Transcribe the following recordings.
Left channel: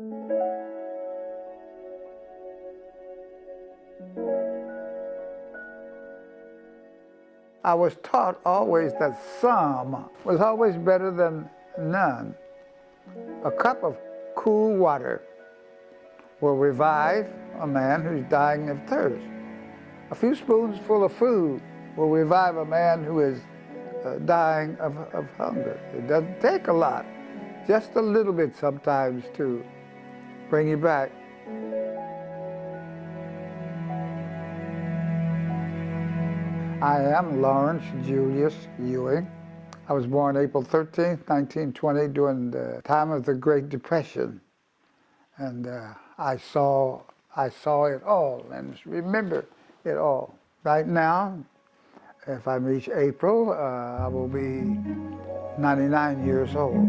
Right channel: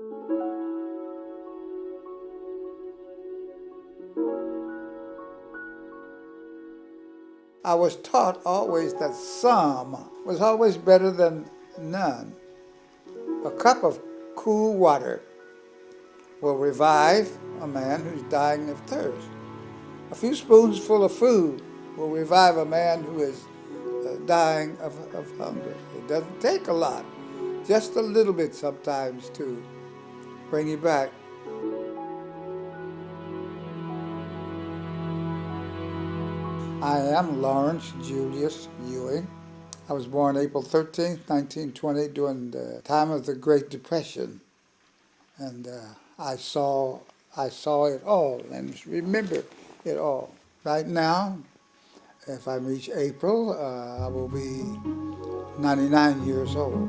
I was taught always that some was always better than none. A cup of cool water will revive a man who's dying of thirst. A few spoonsful of food will revive a man who is dying of hunger. It doesn't take a lot, just a little bit sometimes to bring you back. I am Lawrence Julius Ewing. I was born April 13th, 1920, during the time of the Great Depression. And I saw it all and remember it all. Right now, if I reach April, I will be 99 years old.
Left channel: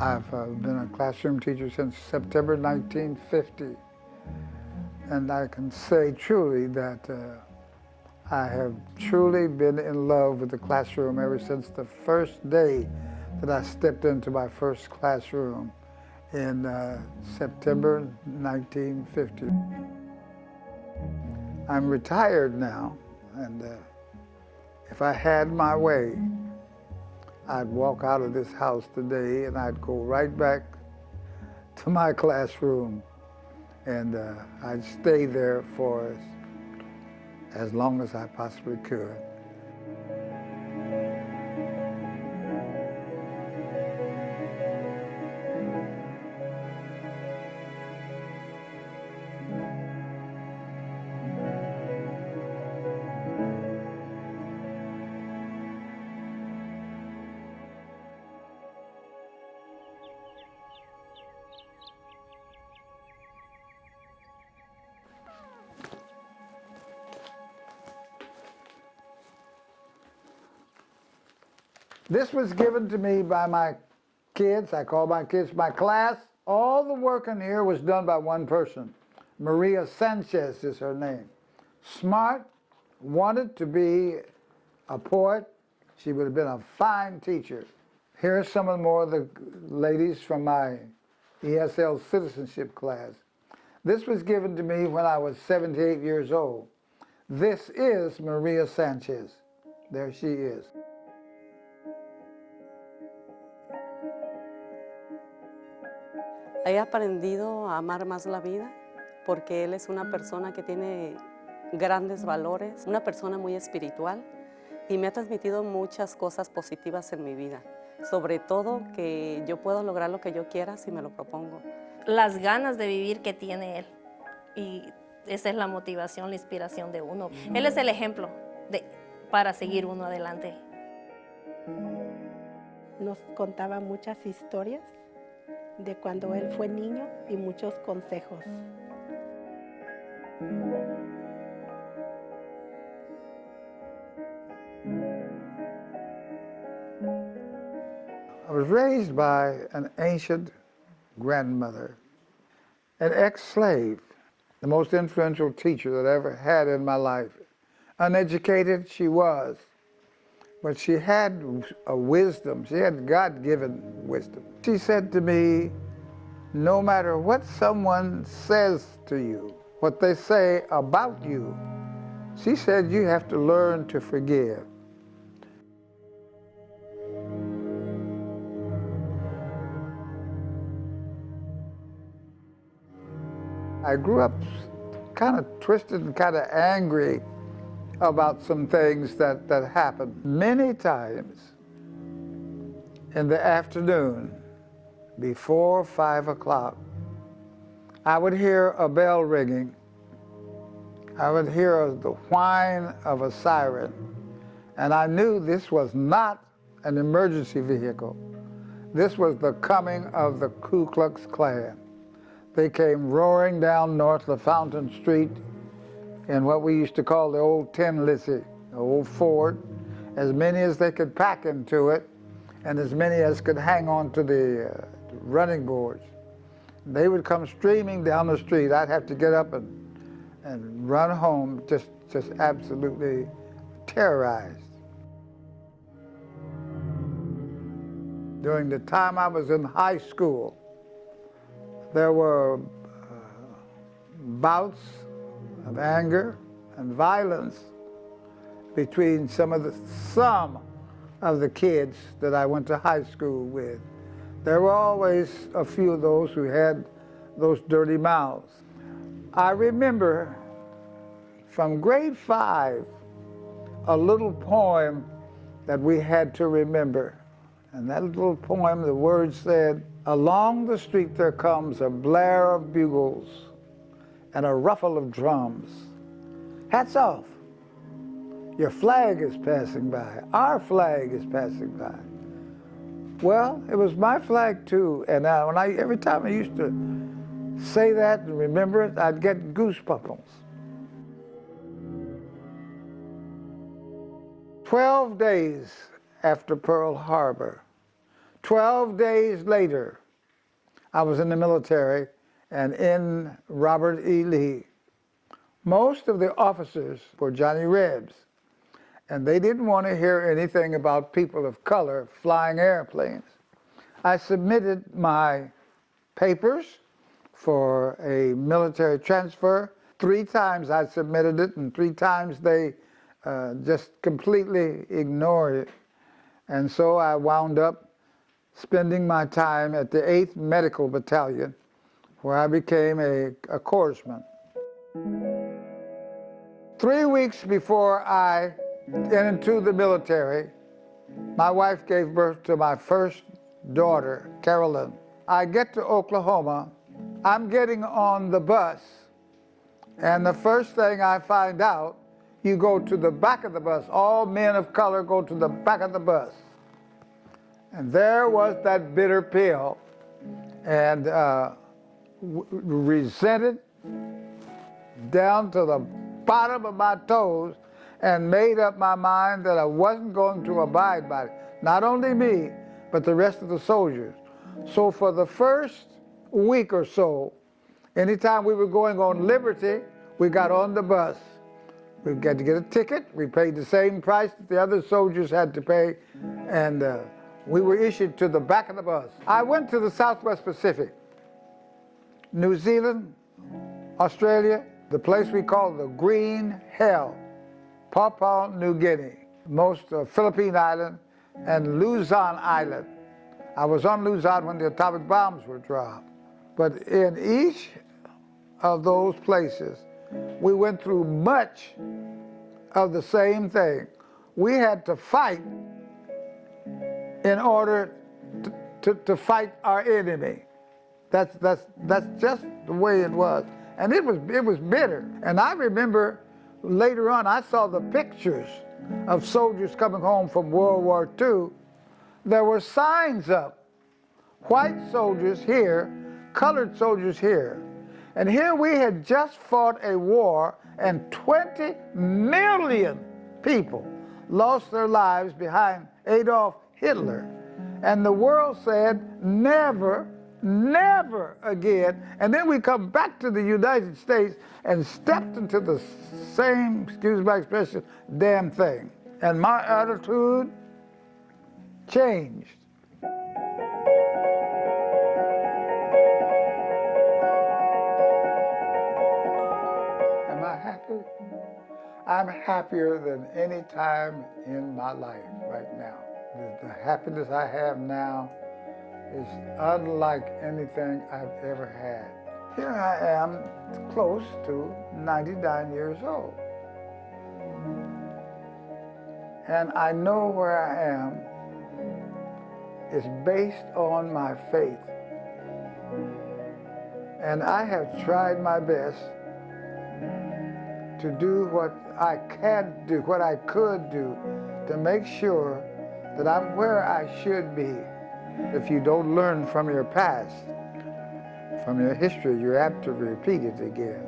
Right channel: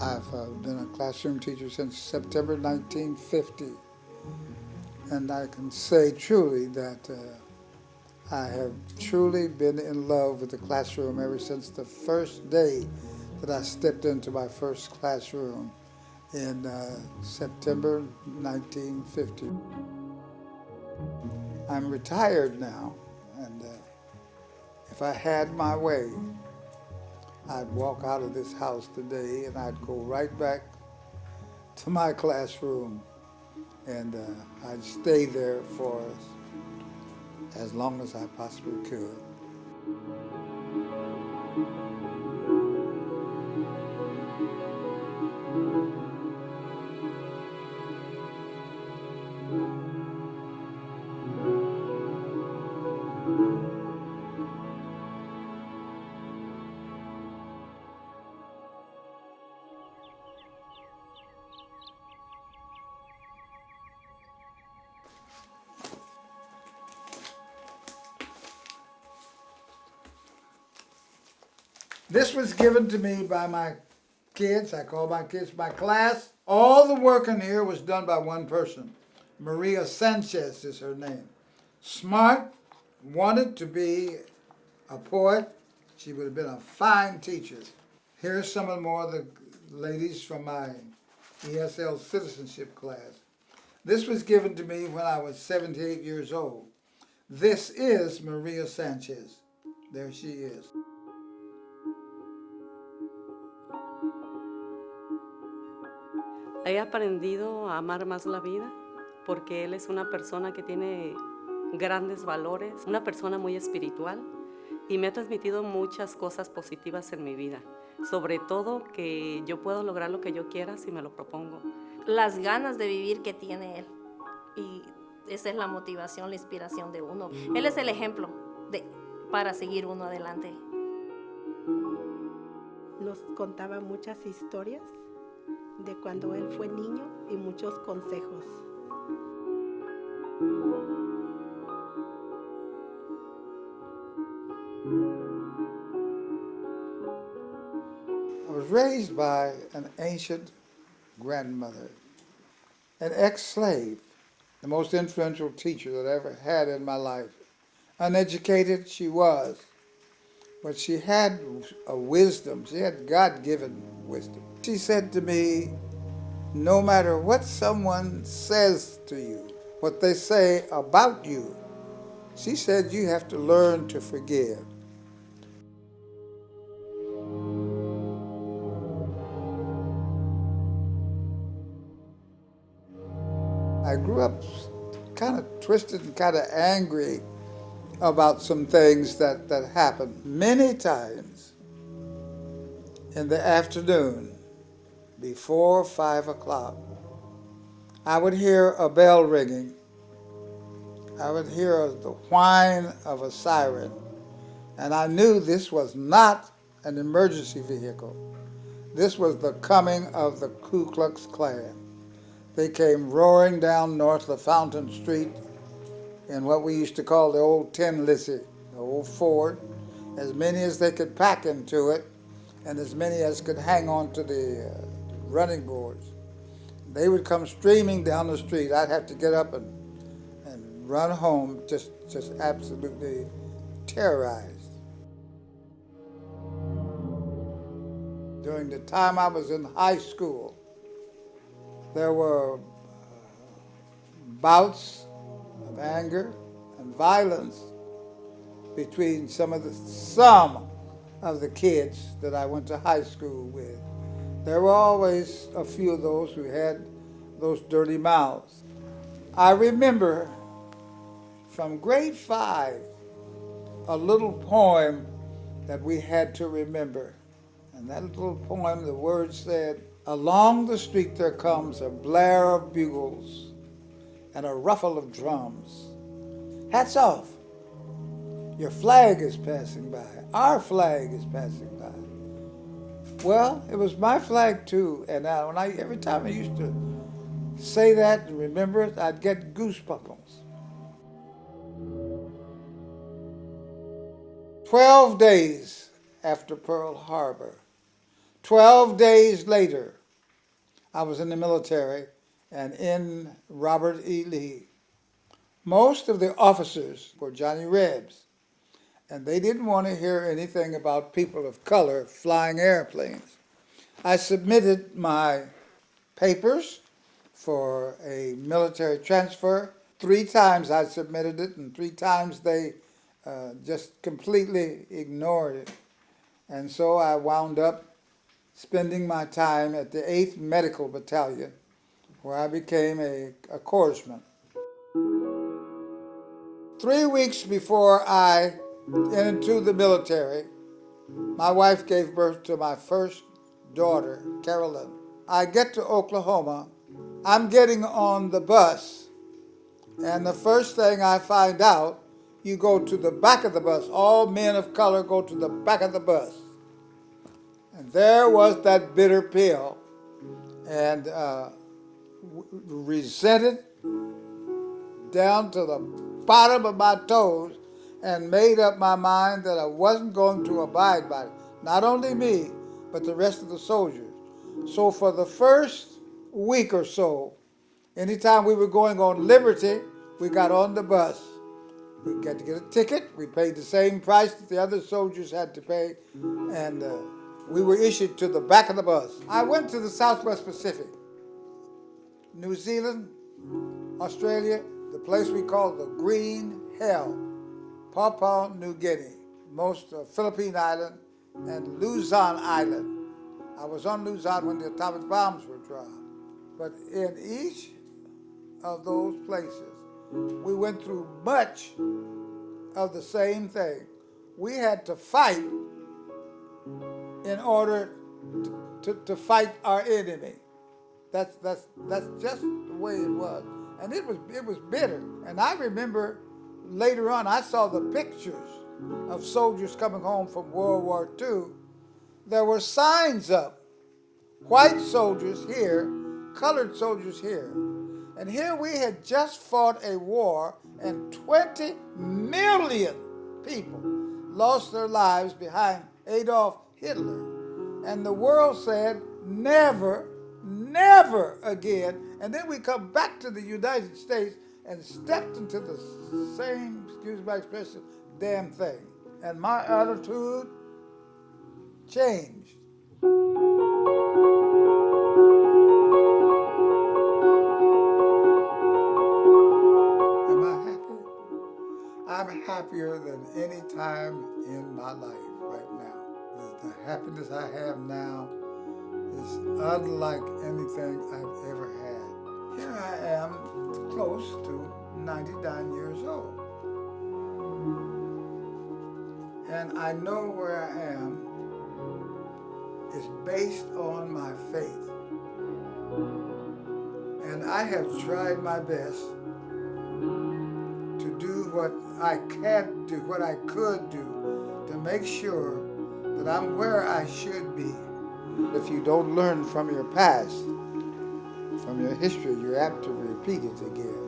I've been a classroom teacher since September 1950. And I can say truly that I have truly been in love with the classroom ever since the first day that I stepped into my first classroom in September 1950. I'm retired now, and if I had my way, I'd walk out of this house today and I'd go right back to my classroom, and I'd stay there for as long as I possibly could. This was given to me by my kids. I call my kids my class. All the work in here was done by one person. Maria Sanchez is her name. Smart, wanted to be a poet. She would have been a fine teacher. Here are some of more of the ladies from my ESL citizenship class. This was given to me when I was 78 years old. This is Maria Sanchez. There she is. He aprendido a amar más la vida porque él es una persona que tiene grandes valores, una persona muy espiritual y me ha transmitido muchas cosas positivas en mi vida. Sobre todo que yo puedo lograr lo que yo quiera si me lo propongo. Las ganas de vivir que tiene él, y esa es la motivación, la inspiración de uno. Él es el ejemplo para seguir uno adelante. Nos contaba muchas historias de cuando él fue niño y muchos consejos. I was raised by an ancient grandmother, an ex-slave, the most influential teacher that I ever had in my life. Uneducated she was, but she had a wisdom. She had God-given wisdom. She said to me, no matter what someone says to you, what they say about you, she said you have to learn to forgive. I grew up kind of twisted and kind of angry about some things that happened. Many times in the afternoon, before 5 o'clock, I would hear a bell ringing. I would hear the whine of a siren, and I knew this was not an emergency vehicle. This was the coming of the Ku Klux Klan. They came roaring down north of Fountain Street in what we used to call the old Tin Lizzie, the old Ford, as many as they could pack into it, and as many as could hang on to the running boards. They would come streaming down the street. I'd have to get up and run home, just absolutely terrorized. during the time I was in high school, there were bouts of anger and violence between some of the kids that I went to high school with. There were always a few of those who had those dirty mouths. I remember from grade 5 a little poem that we had to remember. And that little poem, the words said, "Along the street there comes a blare of bugles and a ruffle of drums. Hats off, your flag is passing by, our flag is passing by." Well, it was my flag too, and every time I used to say that and remember it, I'd get goosebumps. 12 days after Pearl Harbor, 12 days later, I was in the military and in Robert E. Lee. Most of the officers were Johnny Rebs, and they didn't want to hear anything about people of color flying airplanes. I submitted my papers for a military transfer. 3 times I submitted it, and 3 times they just completely ignored it. And so I wound up spending my time at the 8th Medical Battalion, where I became a corpsman. 3 weeks before I entered into the military, my wife gave birth to my first daughter, Carolyn. I get to Oklahoma. I'm getting on the bus, and the first thing I find out, you go to the back of the bus. All men of color go to the back of the bus. And there was that bitter pill, and resented down to the bottom of my toes, and made up my mind that I wasn't going to abide by it. Not only me, but the rest of the soldiers. So for the first week or so, anytime we were going on liberty, we got on the bus. We got to get a ticket. We paid the same price that the other soldiers had to pay, and we were issued to the back of the bus. I went to the Southwest Pacific, New Zealand, Australia, the place we call the Green Hell, Papua New Guinea, most Philippine Island, and Luzon Island. I was on Luzon when the atomic bombs were dropped. But in each of those places, we went through much of the same thing. We had to fight in order to fight our enemy. That's just the way it was. And it was bitter. And I remember later on, I saw the pictures of soldiers coming home from World War II. There were signs up, white soldiers here, colored soldiers here. And here we had just fought a war, and 20 million people lost their lives behind Adolf Hitler. And the world said, never, never again. And then we come back to the United States and stepped into the same, excuse my expression, damn thing. And my attitude changed. Am I happy? I'm happier than any time in my life right now. The happiness I have now is unlike anything I've ever had. Here I am, close to 99 years old. And I know where I am is based on my faith. And I have tried my best to do what I can do, what I could do, to make sure that I'm where I should be. If you don't learn from your past, from your history, you're apt to repeat it again.